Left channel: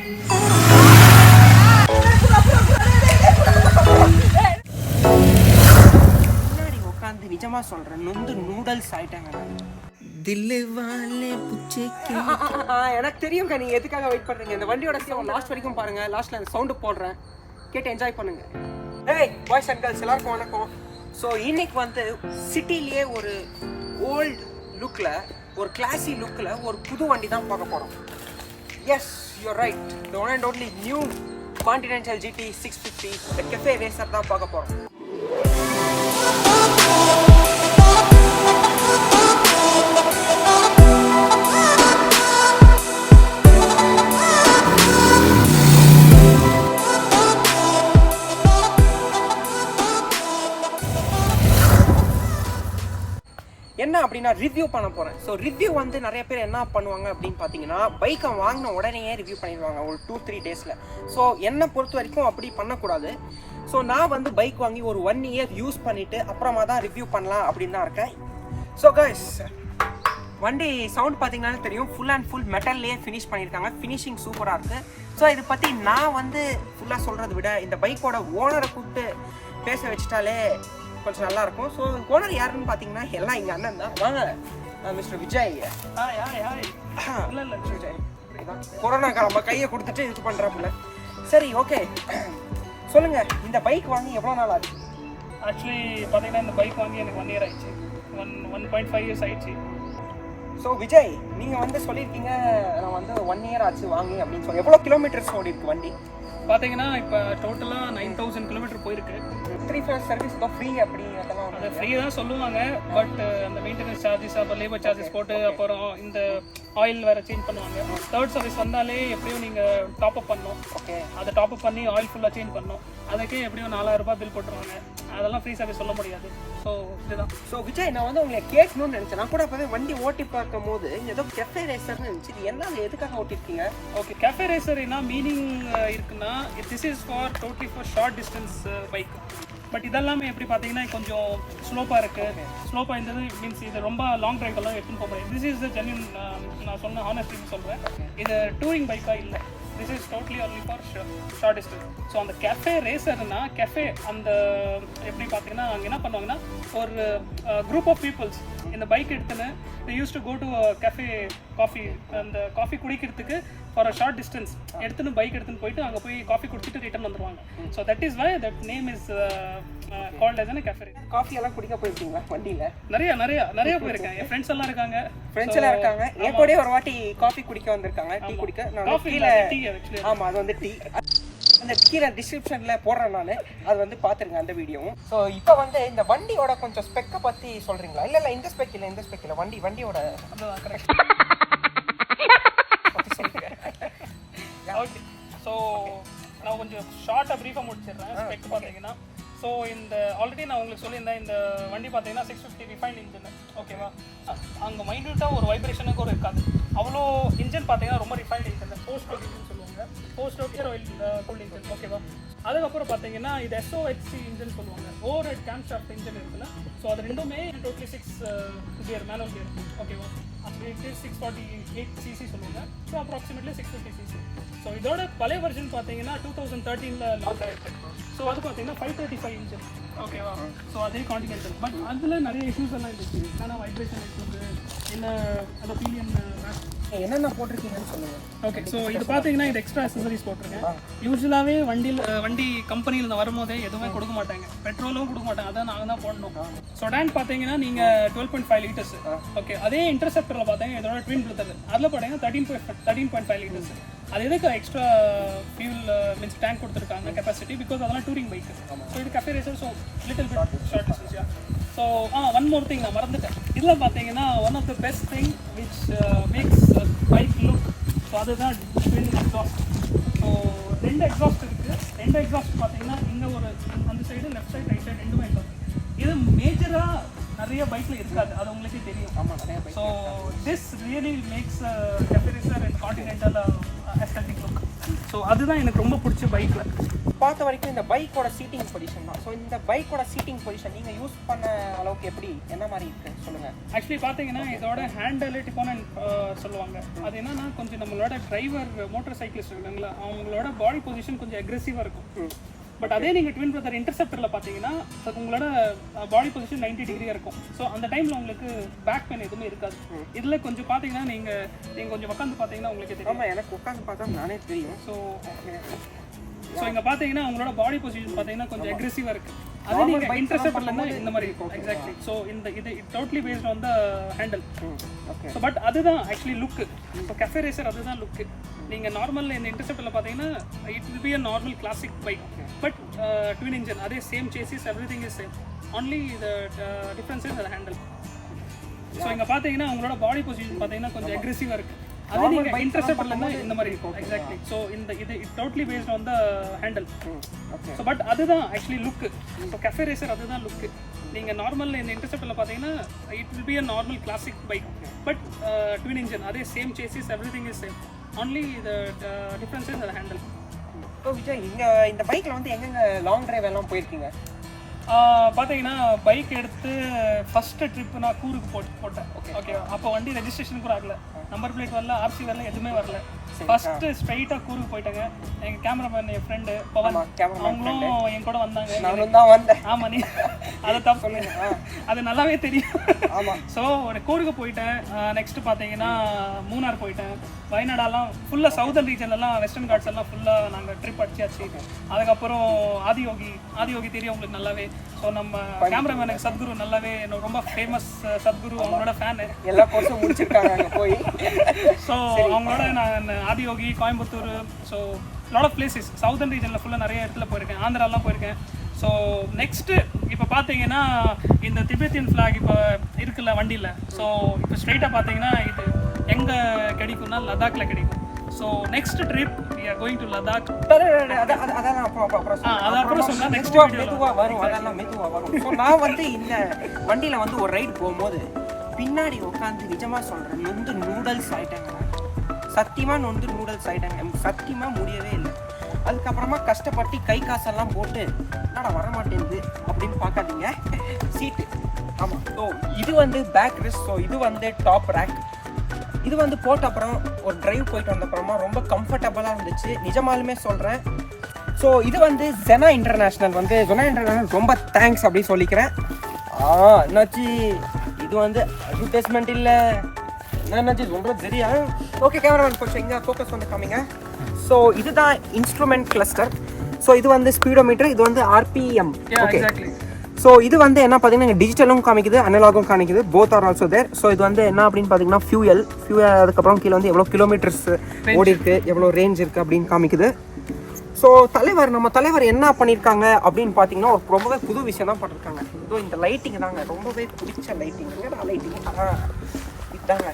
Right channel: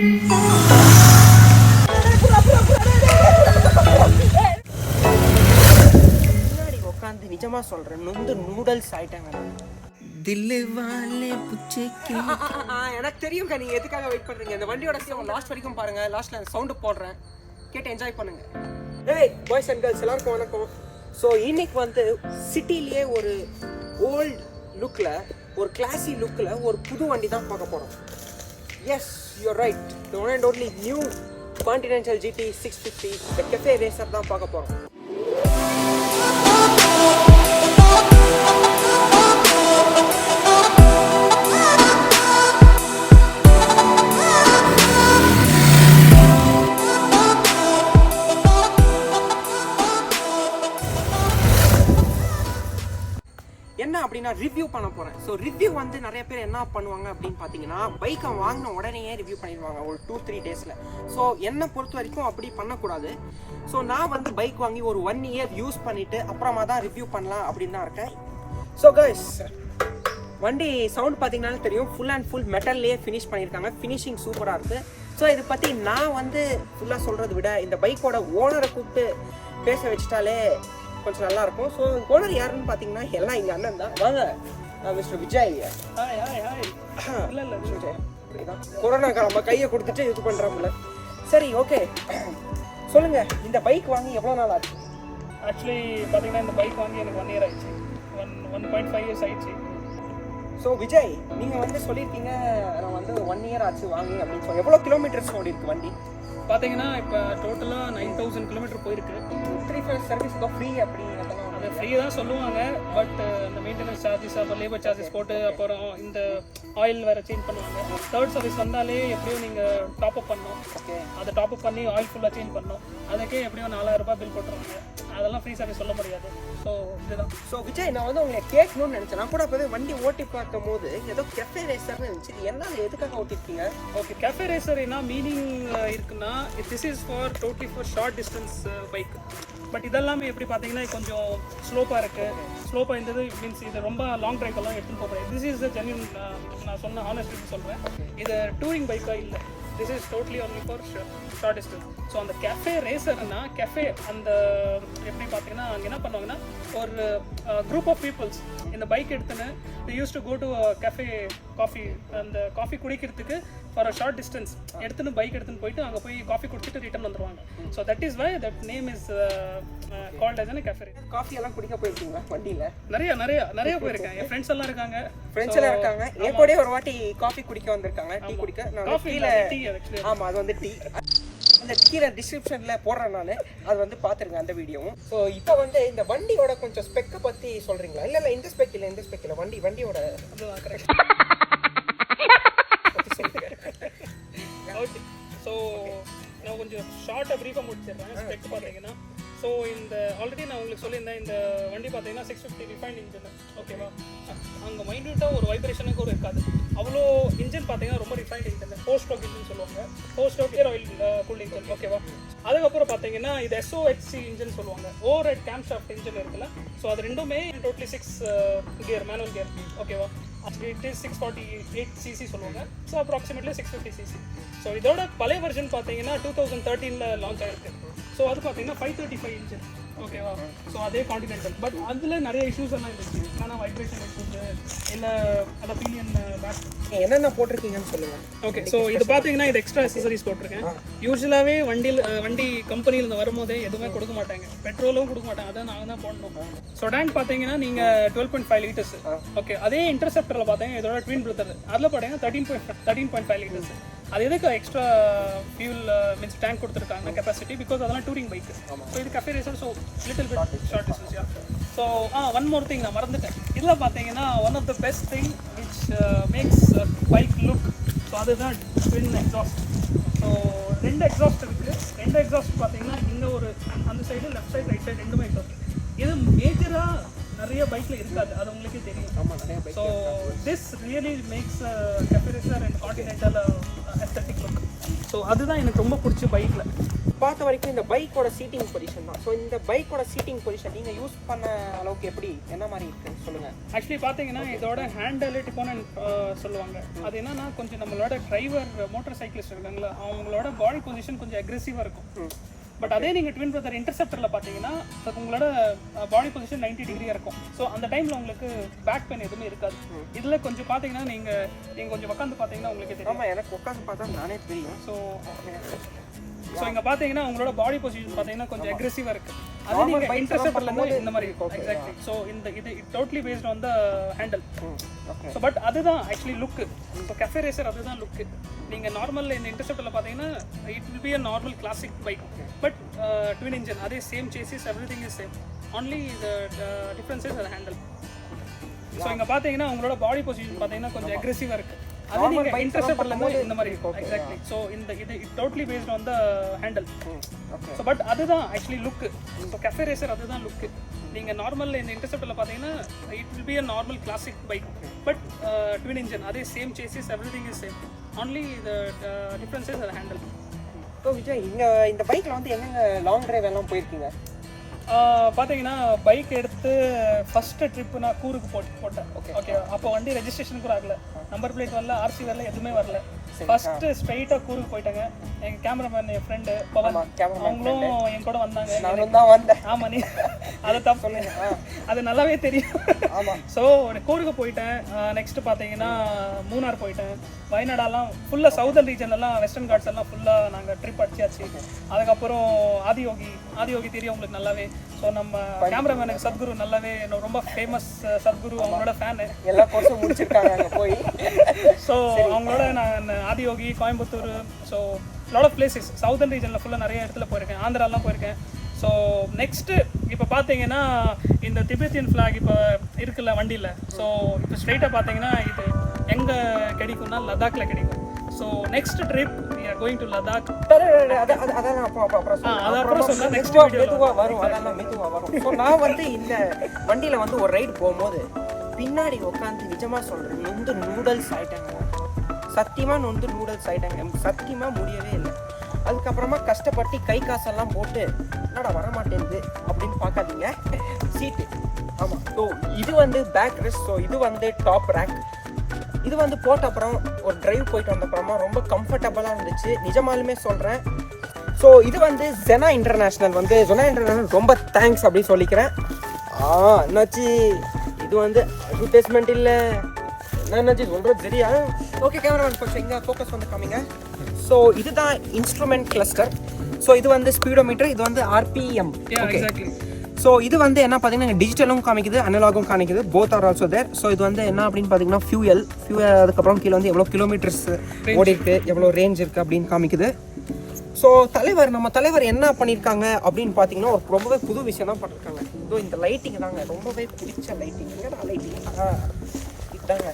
முன்னாடி உட்காந்து நிஜமா சொல்றேன், நொந்து நூடல்ஸ் ஆயிட்டாங்க. எனக்கு தெரியும் நீங்க எதுக்காக வெயிட் பண்றீங்க. இந்த வண்டியோட லாஸ்ட் வரைக்கும் பாருங்க. லாஸ்ட்ல அந்த சவுண்ட் போடுறேன், கேட்டு என்ஜாய் பண்ணுங்க. ஏய் பாய்ஸ் அண்ட் கேர்ள்ஸ் எல்லாருக்கும் வணக்கம். ஸோ இன்னைக்கு வந்து சிட்டிலேயே ஒரு ஓல்டு லுக்ல, ஒரு கிளாசி லுக்ல ஒரு புது வண்டி தான் பார்க்க போறோம். Yes, you're right. The one and only new Continental GT 650 the cafe racer தான் பார்க்க போறோம். என்ன அப்படின்னா ரிவ்யூ பண்ண போகிறேன். ஸோ ரிவ்யூ வந்து நிறைய பேர் என்ன பண்ணுவாங்க அப்படின்னு பார்த்தீங்கன்னா, பைக்கை வாங்கின உடனேயே ரிவ்யூ பண்ணிடுவாங்க ஒரு 2-3 டேஸில். ஸோ என்னை பொறுத்த வரைக்கும் அப்படி பண்ணக்கூடாது. ஸோ நான் வந்து பைக் வாங்கி ஒரு 1 இயர் யூஸ் பண்ணிவிட்டு அப்புறமா தான் ரிவ்யூ பண்ணலாம் அப்படின்னு தான் இருக்கேன். ஸோ கைஸ், வண்டி சவுண்ட் பார்த்தீங்கன்னாலே தெரியும், ஃபுல் அண்ட் ஃபுல் மெட்டல்லையே ஃபினிஷ் பண்ணியிருக்காங்க. ஃபினிஷிங் சூப்பராக இருக்குது. ஸோ இதை பற்றி நான் வந்து ஃபுல்லாக சொல்கிறத விட இந்த பைக்கோட ஓனரை கூப்பிட்டு பேச வச்சுட்டாலே கொஞ்சம் நல்லா இருக்கும். ஸோ ஓனர் யாருன்னு பார்த்தீங்கன்னா எல்லாம் எங்கள் அண்ணன் தான். வாங்க மிஸ்டர் விஜய். இல்லை விஜய் அப்படிதான் கொரோனாக்கு நம்ம கையை கொடுத்துட்டு இது பண்ணுறோம்ல. சரி, ஓகே, சொல்லுங்கள், இந்த பைக் வாங்கி எவ்வளோ நாள் ஆச்சு? ஆக்சுவலி பார்த்தீங்கன்னா இந்த பைக் வாங்கி எனக்கு 1 இயர் ஆயிடுச்சு. 1.5 இயர்ஸ் ஆயிடுச்சு. ஸோ விஜய், நீங்கள் வந்து சொல்லியிருக்கீங்க நான் வந்து 1 இயர் ஆச்சு வாங்கி அப்படின்னு சொல்லி. எவ்வளோ கிலோமீட்டர்ஸ் ஓடி இருக்கு வண்டி? பார்த்தீங்கன்னா இப்போ டோட்டலாக 9000 கிலோமீட்டர் போயிருக்கு. 3 ஃபேஸ் சர்வீஸ் தான் ஃப்ரீ அப்படி அதெல்லாம் அது ஃப்ரீ தான் சொல்லுவாங்க. பட் அந்த மெயின்டெனன்ஸ் சார்ஜஸ், அப்புறம் லேபர் சார்ஜஸ் போட்டு அப்புறம் இந்த ஆயில் வேறு சேஞ்ச் பண்ணுவாங்க. 3rd சர்வீஸ் வந்தாலே எப்படியும் நீங்கள் டாப்அப் பண்ணணும். ஓகே, அதை டாப்அப் பண்ணி ஆயில் ஃபுல்லாக சேஞ்ச் பண்ணணும். அதுக்கே எப்படியும் 4000 ரூபாய் பில் போட்டுருவாங்க. அதெல்லாம் ஃப்ரீ சர்வீஸ் சொல்ல முடியாது. ஸோ இதுதான். ஸோ விஜய், நான் வந்து உங்களை கேட்கணும்னு நினச்சேன். நான் கூட அப்போவே வண்டி ஓட்டி பார்க்கும் போது ஏதோ கெஃபே ரேசர்னு இருந்துச்சு. இது என்ன, அது எதுக்காக ஓட்டிருக்கீங்க? ஓகே, கேஃபே ரேசர் என்ன மீனிங் இருக்குன்னா, this is for totally for short distance bike. But இதெல்லாமே எப்படி பார்த்தீங்கன்னா கொஞ்சம் ஸ்லோப்பாக இருக்குது. ஸ்லோப்பாக இருந்தது மீன்ஸ் இது ரொம்ப லாங் ட்ரைவெல்லாம் எடுத்துன்னு போக முடியாது. திஸ் இஸ் த ஜென்யூன், நான் சொன்ன ஹானஸ்ட்லி சொல்கிறேன். இது டூரிங் பைக்காக இல்லை. This is totally only for short distance. So அந்த கேஃபே ரேசர்னா, கேஃபே அந்த எப்படி பார்த்தீங்கன்னா அங்கே என்ன பண்ணுவாங்கன்னா, ஒரு குரூப் ஆஃப் பீப்புள்ஸ் இந்த பைக் எடுத்துன்னு they used to go to a cafe coffee, அந்த காஃபி குடிக்கிறதுக்கு ஃபார் அ ஷார்ட் டிஸ்டன்ஸ் எடுத்துன்னு பைக் எடுத்துன்னு போயிட்டு அங்கே போய் காஃபி குடிச்சிட்டு ரிட்டர்ன் வந்துடுவாங்க. So that is why that name is called as a cafe racer. காஃபி எல்லாம் குடிக்க போயிருக்கீங்களா வண்டியில்? நிறைய போயிருக்கேன். என் ஃப்ரெண்ட்ஸ் எல்லாம் இருக்காங்க. என் கூட ஒரு வாட்டி காஃபி குடிக்க வந்திருக்காங்க, டீ குடிக்க. நான் கீழே, ஆமாம், அது வந்து டீ, அந்த கீழே டிஸ்கிரிப்ஷனில் போடுறேன் நான், அது வந்து பார்த்துருங்க அந்த வீடியோவும். ஸோ இப்போ வந்து இந்த வண்டியோட கொஞ்சம் ஸ்பெக்கை பற்றி சொல்கிறீங்களா? இல்லை இந்த ஸ்பெக் இல்லை வண்டியோட ஸோ நான் கொஞ்சம் ஷார்ட்டாக ப்ரீஃபாக முடிச்சிடுறேன். ஸ்பெக் பார்த்தீங்கன்னா, ஸோ இந்த ஆல்ரெடி நான் உங்களுக்கு சொல்லியிருந்தேன், இந்த வண்டி பார்த்தீங்கன்னா 650 ரிஃபைன்ட் இன்ஜின். ஓகேவா? அங்கே மைன்யூட்டாக ஒரு வைப்ரேஷனுக்கு ஒரு இருக்காது. அவ்வளோ இன்ஜின் பார்த்தீங்கன்னா ரொம்ப ரிஃபைன்ட் இன்ஜின், 4 ஸ்ட்ரோக் இன்ஜின் சொல்லுவாங்க. 4 ஸ்ட்ரோக் ஏர் ஆயில் கூல்ட் இன்ஜின். ஓகேவா? அதுக்கப்புறம் பார்த்தீங்கன்னா இது SOHC இன்ஜின் சொல்லுவாங்க, over head game shaft engine இருக்குல்ல. ஸோ அது ரெண்டுமே டோட்டலி 6 கியர், மேனுவல் கியர். ஓகேவா? ஆக்சுவலி இட் இஸ் 648 cc சொல்லுவாங்க. So approximately 650 cc. ஸோ இதோட பழைய வெர்ஷன் பார்த்தீங்கன்னா 2013 லான்ச் ஆயிருக்கு. ஸோ அது பார்த்தீங்கன்னா 535 இன்ஜின். ஓகேவா? ஸோ அதே கான்டினென்டல். பட் அதில் நிறைய இஷ்யூஸ் எல்லாம் இருந்துச்சு. ஆனால் வைப்ரேஷன் இஷ்யூஸ் இல்லை, அந்த பீனியன் பேக் என்னென்ன போட்டிருக்கீங்கன்னு சொல்லுங்கள். ஓகே, ஸோ இது பார்த்தீங்கன்னா இது எக்ஸ்ட்ரா அக்சசரிஸ் போட்டிருக்கேன். யூஸ்வலாகவே வண்டி கம்பெனியில் நான் வரும்போதே எதுவுமே கொடுக்க மாட்டாங்க, பெட்ரோலும் கொடுக்க மாட்டாங்க. அதான் நாங்கள் தான் போடணும். ஸோ டேங்க் பார்த்தீங்கன்னா நீங்கள் 12.5 லிட்டர்ஸ். ஓகே, அதே இன்டர்செப்டரில் பார்த்தீங்கன்னா இதோட ட்வின் பிரதர், அதில் பார்த்தீங்கன்னா 13.5 லிட்டர்ஸ். அது எதுக்கு எக்ஸ்ட்ரா ஃபியூல் மீன்ஸ் டேங்க் கொடுத்துருக்காங்க கெப்பாசிட்டி, பிகாஸ் அதெல்லாம் டூரிங் பைக். ஸோ இது cafe racer, so little bit short distance. So one more thing நான் மறந்துட்டேன். இதில் பார்த்தீங்கன்னா one of the best thing which makes bike look, so அதுதான் ட்வின் எக்ஸாஸ்ட். ஸோ 2 எக்ஸாஸ்ட் இருக்குது. 2 exhaust பார்த்தீங்கன்னா இந்த ஒரு அந்த side, left side, right side 2மே எக்ஸாஸ்ட். இது மேஜராக நிறைய பைக்கில் இருக்காது, அது உங்களுக்கே தெரியும். ஆமாம், நிறைய bike. So this really makes cafe racer and continental aesthetic look. So அதுதான் எனக்கு ரொம்ப பிடிச்ச பைக்கில் பார்த்த வரைக்கும் இந்த பைக்கோட சீட்டிங் பொசிஷன் தான். ஸோ இந்த பைக்கோட சீட்டிங் பொசிஷன் நீங்கள் யூஸ் பண்ண அளவுக்கு எப்படி என்ன மாதிரி இருக்குது சொல்லுங்கள். ஆக்சுவலி பார்த்தீங்கன்னா இதோட ஹேண்டலிட்டிக்கோன்னு சொல்லுவாங்க. அது என்னன்னா கொஞ்சம் நம்மளோட டிரைவர் மோட்டார் சைக்கிளிஸ்ட் இருக்காங்களா அவங்களோட பாடி பொசிஷன் கொஞ்சம் அக்ரெசிவாக இருக்கும். பட் அதே நீங்கள் ட்வின் பிரதர் இன்டர்செப்டரில் பார்த்தீங்கன்னா உங்களோட பாடி பொசிஷன் 90 டிகிரியாக இருக்கும். ஸோ அந்த டைமில் உங்களுக்கு பேக் பெயின் எதுவுமே இருக்காது. இதில் கொஞ்சம் பார்த்தீங்கன்னா நீங்கள் கொஞ்சம் உட்காந்து பார்த்தீங்கன்னா உங்களுக்கு தெரியும். ஆமாம், எனக்கு உட்காந்து பார்த்தா நானே தெரியும். ஸோ இங்கே பார்த்தீங்கன்னா உங்களோட பாடி பொசிஷன் பார்த்தீங்கன்னா கொஞ்சம் அக்ரெசிவாக இருக்குது. அது நீங்கள் இன்டர்செப்டர்லேருந்து இந்த மாதிரி இருக்கும். எக்ஸாக்ட்லி. ஸோ இது totally based on the handle. So but அதுதான் actually look. So cafe racer அதுதான் லுக்கு. நீங்கள் நார்மலில் இந்த இன்டர்செப்டரில் பார்த்தீங்கன்னா it will be a normal classic bike. But twin engine அதே same chassis everything is same. Only the difference is the handle. So இங்கே பார்த்தீங்கன்னா உங்களோட பாடி பொசிஷன் பார்த்தீங்கன்னா கொஞ்சம் அக்ரெசிவாக இருக்குது. அது நீங்கள் இன்டர்செப்டர்லேருந்து இந்த மாதிரி இருக்கும். எக்ஸாக்ட்லி. ஸோ இது totally based on the handle. So but அதுதான் actually look. So cafe racer அதுதான் லுக்கு. நீங்கள் நார்மலில் இந்த இன்டர்செப்டரில் பார்த்தீங்கன்னா it will be a normal classic bike. But twin engine அதே same chassis everything is same. Only the difference is the handle. ஓ விஜய், இந்த பைக்கில் வந்து எங்கெங்க லாங் டிரைவ் எல்லாம் போயிருக்கீங்க? பார்த்தீங்கன்னா பைக் எடுத்து ஃபஸ்ட்டு ட்ரிப்பு நான் கூருக்கு போட்டேன். ஓகே, அப்போ வண்டி ரெஜிஸ்ட்ரேஷன் கூட ஆகல, நம்பர் பிளேட் வரல, ஆர்சி வரல, எதுவுமே வரல. ஃபஸ்ட்டு ஸ்ட்ரெயிட்டாக கூருக்கு போயிட்டாங்க. எங்கள் கேமராமேன் என் ஃப்ரெண்டு பவன் அவங்களும் என் கூட வந்தாங்க. நானும் தான் வந்தேன். ஆமாம், நீ அது தப்பு சொன்னீங்க, அது நல்லாவே தெரியும். ஆமாம். ஸோ கூருக்கு போயிட்டேன். நெக்ஸ்ட்டு பார்த்தீங்கன்னா மூணார் போயிட்டேன். வயநாடெல்லாம் ஃபுல்லாக சவுதர்ன் ரீஜன்லாம் வெஸ்டர்ன் காட்ஸ் எல்லாம் ஃபுல்லாக நாங்கள் ட்ரிப் அடிச்சாச்சு. அதுக்கப்புறம் ஆதியோகி தெரியும் உங்களுக்கு நல்லாவே. ஸோ நம்ம கேமராமேனுக்கு சத்குரு நல்லாவே ரொம்ப ஃபேமஸ். சத்குரு அவங்களோட ஃபேனு, எல்லா கோர்ஸும் முடிச்சிருக்காங்க போய். ஸோ அவங்களோட நான் Adiyogi, Coimbatore, so lot of places southern ரீஜனில் ஃபுல்லாக நிறைய இடத்துல போயிருக்கேன். ஆந்திராலாம் போயிருக்கேன். ஸோ நெக்ஸ்ட்டு இப்போ பார்த்தீங்கன்னா இந்த திபெத்தியன் ஃப்ளாக் இப்போ இருக்குல்ல வண்டியில். ஸோ இப்போ ஸ்ட்ரெயிட்டாக பார்த்தீங்கன்னா இது எங்கே கிடைக்கும்னா லடாக்ல கிடைக்கும். So next trip we are going to Ladakh. அதெல்லாம் அப்புறம் சொன்னா நெக்ஸ்ட் மெதுவாக வரும். அதெல்லாம் மெதுவாக வரும். ஸோ நான் வந்து இந்த வண்டியில் வந்து ஒரு ரைடு போகும்போது பின்னாடி உட்காந்து நிஜமாக சொல்கிறேன், நொந்து நூடுல்ஸ் ஆகிட்டேங்க. சத்தியமாக நொந்து நூடுல்ஸ் ஆகிட்டேங்க. சத்தியமாக முடியவே இல்லை. அதுக்கப்புறமா கஷ்டப்பட்டு கை காசெல்லாம் போட்டு என்னடா வரமாட்டேங்குது அப்படின்னு பார்க்காதீங்க. சீட்டு, ஆமாம். ஸோ இது வந்து பேக் ரெஸ்ட். ஸோ இது வந்து டாப் ரேக். இது வந்து போட்ட அப்புறம் ஒரு டிரைவ் போயிட்டு வந்த அப்புறமா ரொம்ப கம்ஃபர்டபுளாக இருந்துச்சு, நிஜமாலுமே சொல்கிறேன். ஸோ இது வந்து ஜெனா இன்டர்நேஷ்னல் ரொம்ப தேங்க்ஸ் அப்படி சொல்லிக்கிறேன். என்னாச்சு, இது வந்து அட்வர்டைஸ்மெண்ட் இல்லை, என்னாச்சு சொல்கிறது சரியா? ஓகே, கேமராமேன் கொஞ்சம் இங்கே ஃபோக்கஸ் வந்து காமிங்க. ஸோ இதுதான் இன்ஸ்ட்ருமெண்ட் கிளஸ்டர். ஸோ இது வந்து ஸ்பீடோமீட்டர், இது வந்து ஆர்பிஎம். எக்ஸாக்ட்லி. ஸோ இது வந்து என்ன பார்த்தீங்கன்னா டிஜிட்டலும் காமிக்குது, அனலாகும் காமிக்குது, both are also there. So இது வந்து என்ன அப்படின்னு பார்த்தீங்கன்னா ஃபியூயல், அதுக்கப்புறம் கீழே வந்து எவ்வளோ கிலோமீட்டர்ஸ் ஓடி இருக்குது, எவ்வளோ ரேஞ்ச் இருக்குது அப்படின்னு காமிக்குது. ஸோ நம்ம தலைவர் என்ன பண்ணியிருக்காங்க அப்படின்னு பார்த்தீங்கன்னா ஒரு ரொம்பவே புது விஷயம் தான் பண்ணியிருக்காங்க. இதோ இந்த லைட்டிங் தாங்க ரொம்பவே பிடிச்ச லைட்டிங். லைட்டிங் இதாங்க.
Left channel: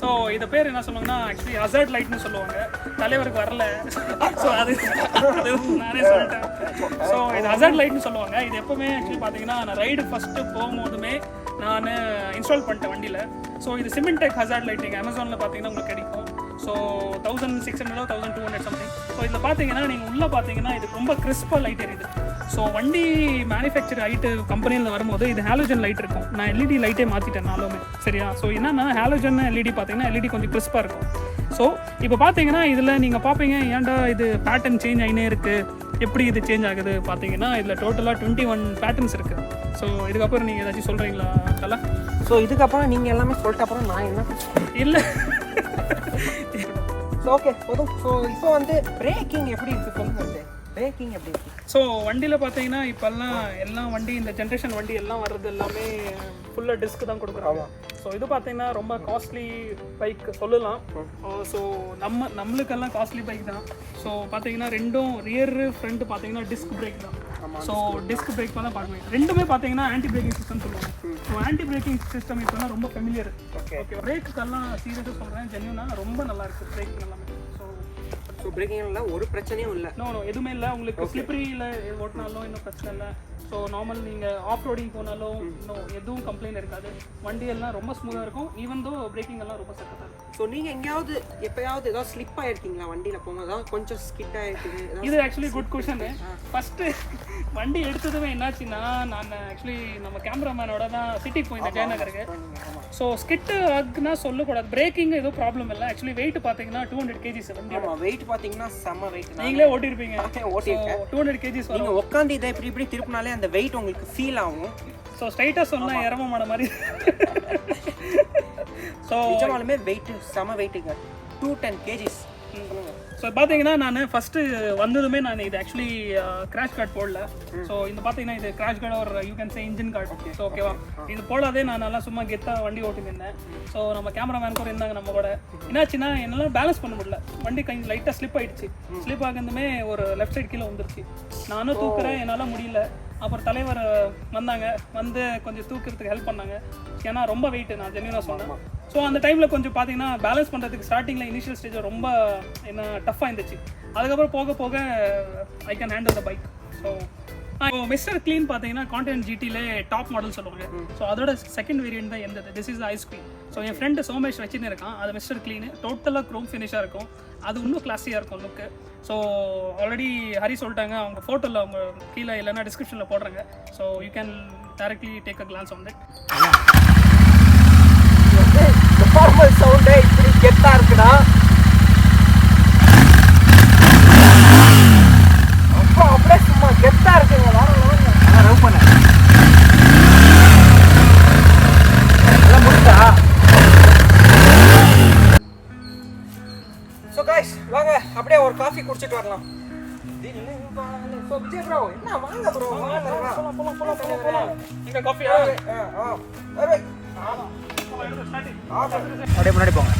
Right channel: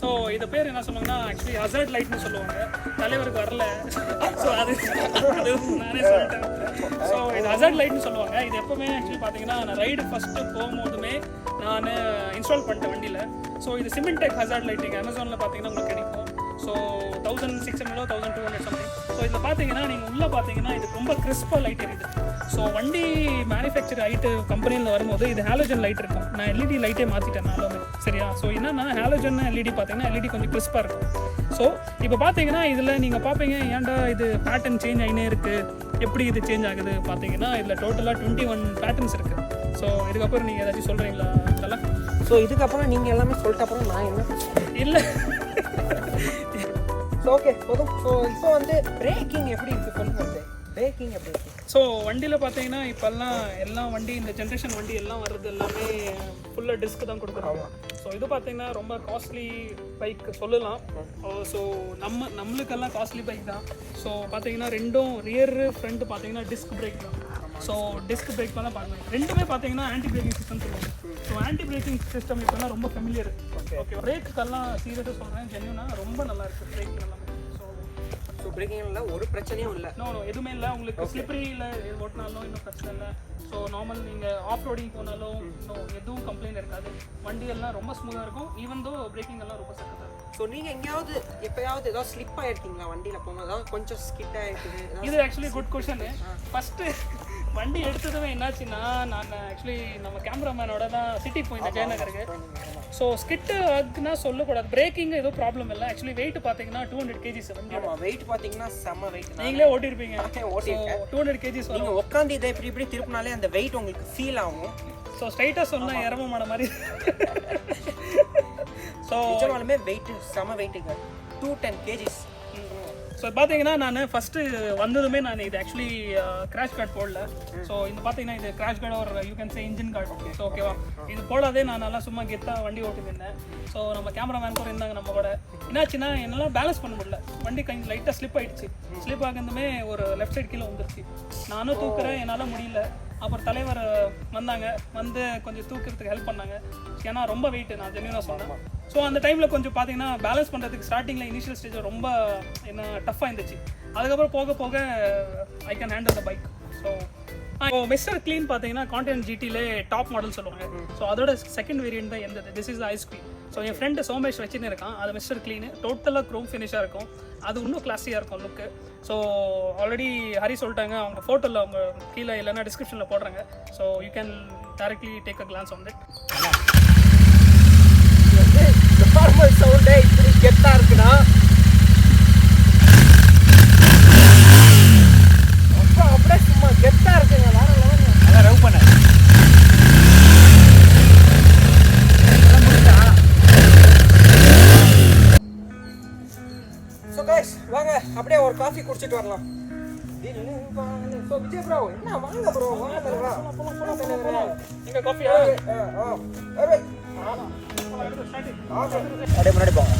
ஸோ இது பேர் என்ன சொல்லுவாங்கன்னா ஆக்சுவலி ஹசார்ட் லைட்னு சொல்லுவாங்க. தலைவருக்கு வரல, ஸோ அது நானே சொல்லிட்டேன். ஸோ இது ஹசார்ட் லைட்னு சொல்லுவாங்க. இது எப்பவுமே ஆக்சுவலி பார்த்தீங்கன்னா நான் ரைடு ஃபஸ்ட்டு போகும்போதுமே நான் இன்ஸ்டால் பண்ணிட்டேன் வண்டியில். ஸோ இது சிமெண்டெக் ஹசார்ட் லைட்டிங் அமேசானில் பார்த்தீங்கன்னா உங்களுக்கு கிடைக்கும். So 1600 1200 something. ஸோ இதில் பார்த்தீங்கன்னா நீங்கள் உள்ளே பார்த்தீங்கன்னா இது ரொம்ப கிறிஸ்பாக லைட் எரியுது. ஸோ வண்டி மேனுஃபேக்சர் ஆகிட்டு கம்பெனியில் வரும்போது இது ஹாலோஜன் லைட் இருக்கும். நான் எல்இடி லைட்டே மாற்றிட்டேன் நாலுமே, சரியா? ஸோ என்னன்னா ஹாலோஜன் எல்இடி பார்த்தீங்கன்னா எல்இடி கொஞ்சம் கிறிஸ்பாக இருக்கும். ஸோ இப்போ பார்த்தீங்கன்னா இதில் நீங்கள் பார்ப்பீங்க ஏன்டா இது பேட்டர்ன் சேஞ்ச் ஆகினே இருக்குது, எப்படி இது சேஞ்ச் ஆகுது பார்த்தீங்கன்னா இதில் டோட்டலாக 21 பேட்டர்ன்ஸ் இருக்குது. ஸோ இதுக்கப்புறம் நீங்கள் ஏதாச்சும் சொல்கிறீங்களா கலா? ஸோ இதுக்கப்புறம் நீங்கள் எல்லாமே சொல்லிட்ட அப்புறம் நான் என்ன இல்லை. ஸோ ஓகே போதும். ஸோ இப்போ வந்து பிரேக்கிங் எப்படி இருக்குது சொல்லுங்கள். பிரேக்கிங் எப்படி இருக்குது? ஸோ வண்டியில் பார்த்தீங்கன்னா இப்போல்லாம் எல்லா வண்டி இந்த ஜென்ரேஷன் வண்டி எல்லாம் வர்றது எல்லாமே ஃபுல்லாக டிஸ்க் தான் கொடுக்குறாங்க. ஸோ இது பார்த்தீங்கன்னா ரொம்ப காஸ்ட்லி பைக் சொல்லலாம். ஸோ நம்மளுக்கெல்லாம் காஸ்ட்லி பைக் தான். ஸோ பார்த்தீங்கன்னா ரெண்டும் ரியர் ஃப்ரண்ட் பார்த்தீங்கன்னா டிஸ்க் பிரேக் தான். ஸோ டிஸ்க் பிரேக் தான் பார்க்கலாம். ரெண்டுமே பார்த்தீங்கன்னா ஆன்டி பிரேக்கிங் சிஸ்டம் சொல்லுவாங்க. ஸோ ஆன்டி பிரேக்கிங் சிஸ்டம் இப்போலாம் ரொம்ப ஃபெமிலியர். ஓகே, பிரேக்குக்கெல்லாம் சீரியஸாக சொல்கிறேன், ஜென்யூனாக ரொம்ப நல்லா இருக்குது பிரேக் எல்லாமே. ஸோ ஸோ பிரேக்கிங்ல ஒரு பிரச்சனையும் இல்லை. நோ எதுவுமே இல்லை. உங்களுக்கு ஸ்லிப்பரியில் ஓட்டினாலும் இன்னும் பிரச்சனை இல்லை. ஸோ நார்மல் நீங்கள் ஆஃப் ரோடிங் போனாலும் இன்னும் எதுவும் கம்ப்ளைண்ட் இருக்காது. வண்டியெல்லாம் ரொம்ப ஸ்மூத்தாக இருக்கும். ஈவன் தோ பிரேக்கிங் எல்லாம் ரொம்ப சக்கத்தாக இருக்கும். ஸோ நீங்கள் எங்கேயாவது எப்போயாவது ஏதாவது ஸ்லிப் ஆகிருக்கீங்களா வண்டியில் போகும்போது? கொஞ்சம் ஸ்கிட் ஆகிருக்குது? இது ஆக்சுவலி குட் கொஷனு. ஃபஸ்ட்டு வண்டி எடுத்ததுமே என்னாச்சுன்னா, நான் ஆக்சுவலி நம்ம கேமராமேனோட தான் சிட்டிக்கு போயிருந்தேன் ஜெயநகருக்கு. ஸோ ஸ்கிட்டு ஆகுனா சொல்லக்கூடாது. பிரேக்கிங் எதுவும் ப்ராப்ளம் இல்லை. ஆக்சுவலி வெயிட் பார்த்தீங்கன்னா 200 kgs வண்டி. வெயிட் பார்த்தீங்கன்னா செம்ம வெயிட். நீங்களே ஓட்டிருப்பீங்க. ஓட்டிருக்கேன். 200 kgs. நீங்கள் உட்காந்து இதை இப்படி திருப்பினாலே அந்த வெயிட் உங்களுக்கு ஃபீல் ஆகும். ஸோ ஸ்ட்ரைட்டாக சொன்னால் இறமமான மாதிரி. ஸோ நிஜமாலுமே வெயிட்டு செம வெயிட்டுங்க, 210 kgs. ஸோ பார்த்தீங்கன்னா நான் ஃபஸ்ட்டு வந்ததுமே நான் இது ஆக்சுவலி கிராஷ் கார்டு போடல. ஸோ இது பார்த்தீங்கன்னா இது கிராஷ் கார்டு ஒரு you can say engine card. So ஓகேவா, இது போடாதே நான் நல்லா சும்மா கெத்தாக வண்டி ஓட்டிருந்தேன். ஸோ நம்ம கேமராமேன் கூட இருந்தாங்க நம்ம கூட. என்னாச்சுன்னா என்னால் பேலன்ஸ் பண்ண முடியல. வண்டி கொஞ்சம் லைட்டாக ஸ்லிப் ஆகிடுச்சு. ஸ்லிப் ஆகுதுமே ஒரு லெஃப்ட் சைடு கீழே வந்துருச்சு. நானும் தூக்குறேன், என்னால் முடியல. அப்புறம் தலைவர் வந்தாங்க, வந்து கொஞ்சம் தூக்கிறதுக்கு ஹெல்ப் பண்ணாங்க. ஏன்னா ரொம்ப வெயிட்டு, நான் ஜென்யூனாக சொன்னேன். ஸோ அந்த டைமில் கொஞ்சம் பார்த்தீங்கன்னா பேலன்ஸ் பண்ணுறதுக்கு ஸ்டார்டிங்கில் இனிஷியல் ஸ்டேஜில் ரொம்ப என்ன டஃப்பாக இருந்துச்சு. அதுக்கப்புறம் போக போக I can handle the bike. So mister clean பார்த்தீங்கன்னா கான்டினென்ட் ஜிடிலே டாப் மாடல் சொல்லுவாங்க. ஸோ அதோட செகண்ட் வேரியன்ட் தான் இருந்தது. This is ice cream. So என் ஃப்ரெண்டு சோமேஷ் வச்சுன்னு இருக்கான். அது மிஸ்டர் க்ளீனு டோட்டலாக க்ரோம் ஃபினிஷாக இருக்கும். அது இன்னும் கிளாஸியாக இருக்கும் லுக்கு. ஸோ ஆல்ரெடி ஹரி சொல்லிட்டாங்க, அவங்க ஃபோட்டோவில் அவங்க கீழே இல்லைன்னா டிஸ்கிரிப்ஷனில் போடுறாங்க. So you can directly take a glands on it. Normal சவுண்டே இப்படி கெத்தாக இருக்குடா. அப்போ அப்படியே சும்மா கெத்தாக இருக்குங்க. ஸோ கைஸ் வாங்க அப்படியே ஒரு காஃபி குடிச்சிட்டு வரலாம். ப்ரோ என்ன வாங்க ப்ரோ, இங்கே காஃபியா? அப்படியே முன்னாடி போங்க.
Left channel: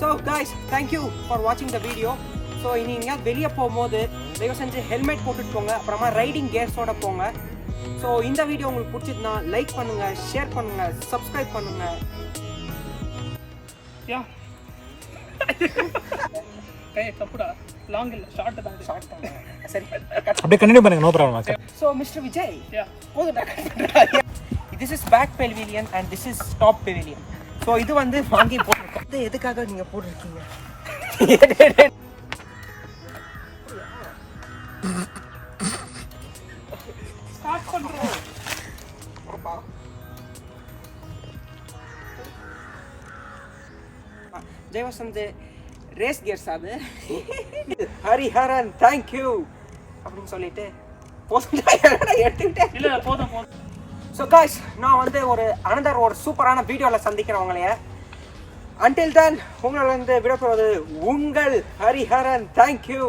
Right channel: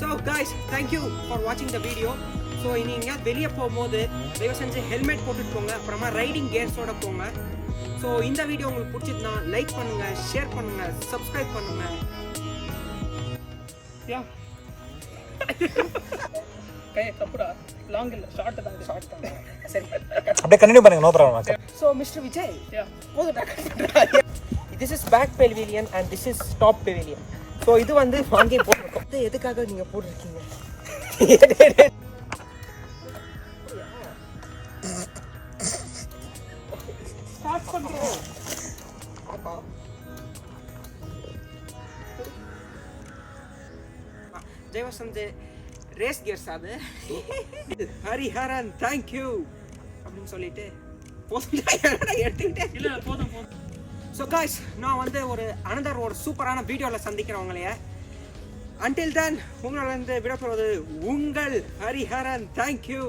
ஸோ கைஸ் தேங்க்யூ ஃபார் வாட்சிங் த வீடியோ. ஸோ இனி எங்கேயாவது வெளியே போகும்போது தயவு செஞ்சு ஹெல்மெட் போட்டுட்டு போங்க. அப்புறமா ரைடிங் கியர்ஸோட போங்க. ஸோ இந்த வீடியோ உங்களுக்கு பிடிச்சிருந்தா லைக் பண்ணுங்க, ஷேர் பண்ணுங்க, சப்ஸ்கிரைப் பண்ணுங்க. யா கையை தப்புடா, லாங் இல்லை, ஷார்ட் தான். ஷார்ட் பண்ணுங்க. சரி அப்படியே கண்டினியூ பண்ணுங்க, no problem. So mister Vijay, யா போதுடா. This is back pavilion and this is top pavilion. So இது வந்து வாங்கி போட்டிருக்கோம். இது எதுக்காக நீங்க போட்டிருக்கீங்க? ஸ்டார்ட் பண்ணுறோம். ஜெயவசந்த் ரேஸ் கியர்ஸ் அது. ஹரிஹரன் தேங்க்யூ அப்படின்னு சொல்லிட்டு எடுத்துக்கிட்டேன். இல்லை போதும் போதும். ஸோ காய்ஸ் நான் வந்து ஒரு சூப்பரான வீடியோவில் சந்திக்கிறேன் உங்களைய. அன்டில் தென் உங்களிடம் விடப்படுவது உங்கள் ஹரிஹரன். தேங்க்யூ.